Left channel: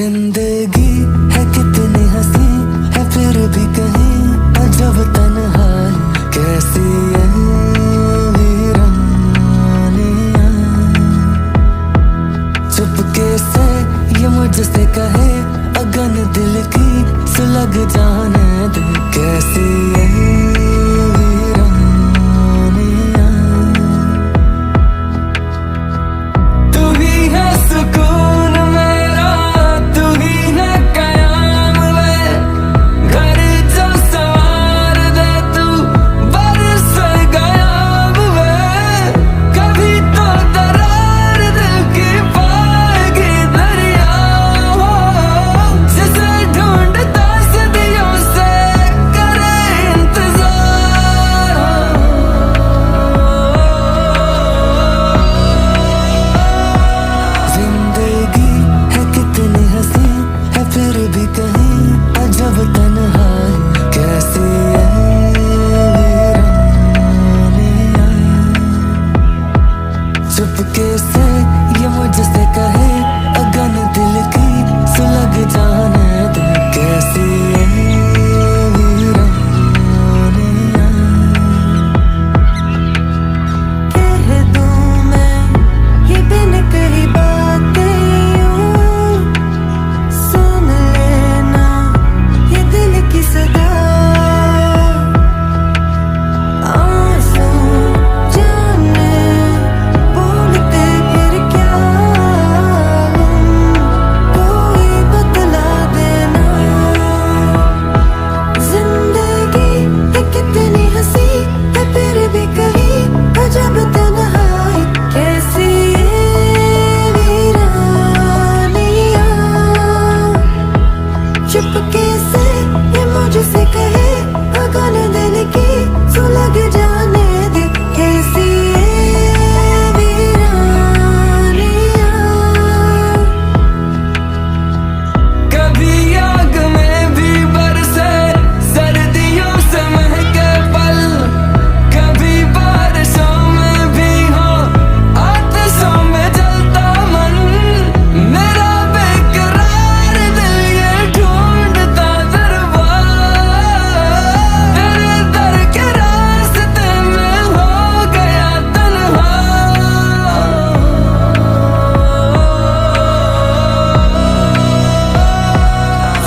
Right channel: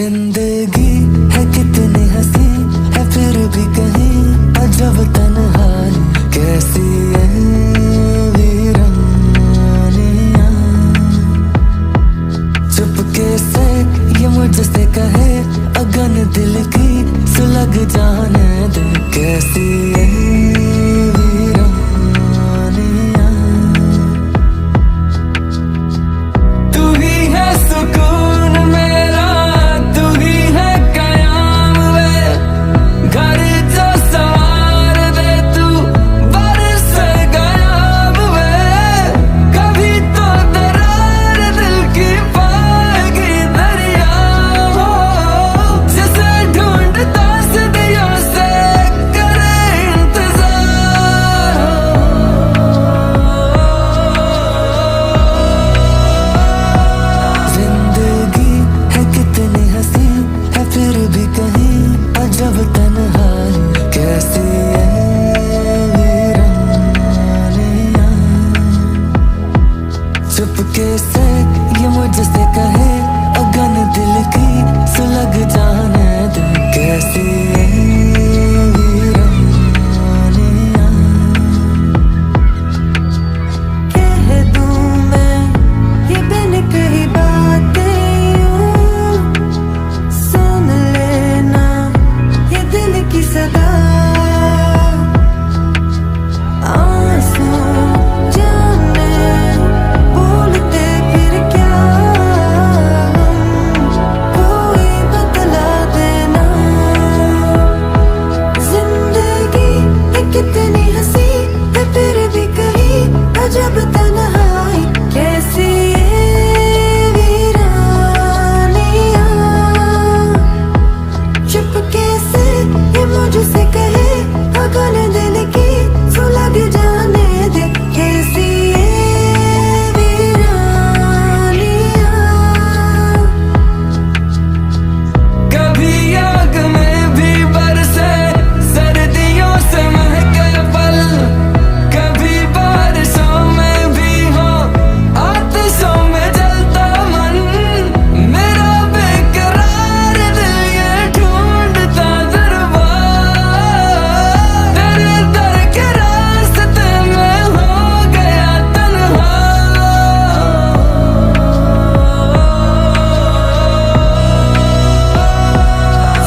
जिंदगी है कितनी हंसी है फिर भी कहीं अजब तन्हाई कैसी है वीरानियां। चुपके से ये मुझसे कहे अगन दिल की सुलग जाने दे कैसी है वीरानियां। तू ही है सुकून मेरा तू ही है कयाम वे घर जो सवार दे तू बरस गयाब वे। कभी तो दरार दिल की पाएगी दरिया हो जिसे ढूंढता सदियों से करे इंतजार हो। जिंदगी है कितनी हंसी है फिर भी कहीं अजब तन्हाई कैसी है वीरानियां। चुपके से ये मुझसे कहे अगन दिल की सुलग जाने दे कैसी है वीरानियां। कह दूं मैं ये बिन कही बातें यूं सुन लेना ये दिल की सदा। आंसू जाने बोलते फिर क्या कोई बतला देना। जिंदगी है कितनी हंसी है फिर भी कहीं अजब तन्हाई कैसी ये वीरानियां। चुपके से ये मुझसे कहे अगन दिल की सुलग जाने दे कैसी ये वीरानियां। कभी आग में भी बरसे सर्दियों से महके पल कभी बारिशों में भी हो आतिशों में जलता मन। मेरा बेकरार दिल ये ढूंढता दरबार तेरे दर के रास्ते में हो गया तन्हा।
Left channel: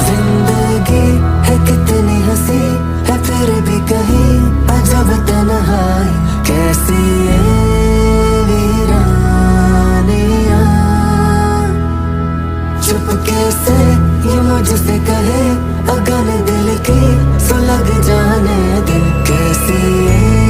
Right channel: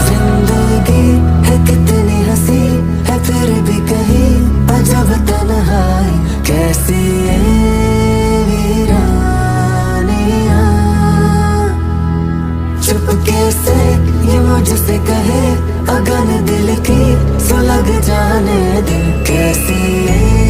जिंदगी है कितनी हंसी है फिर भी कहीं अजब तन्हाई कैसी है वीरानियां। चुपके से ये मुझसे कहे अगन दिल की सुलग जाने दे कैसी है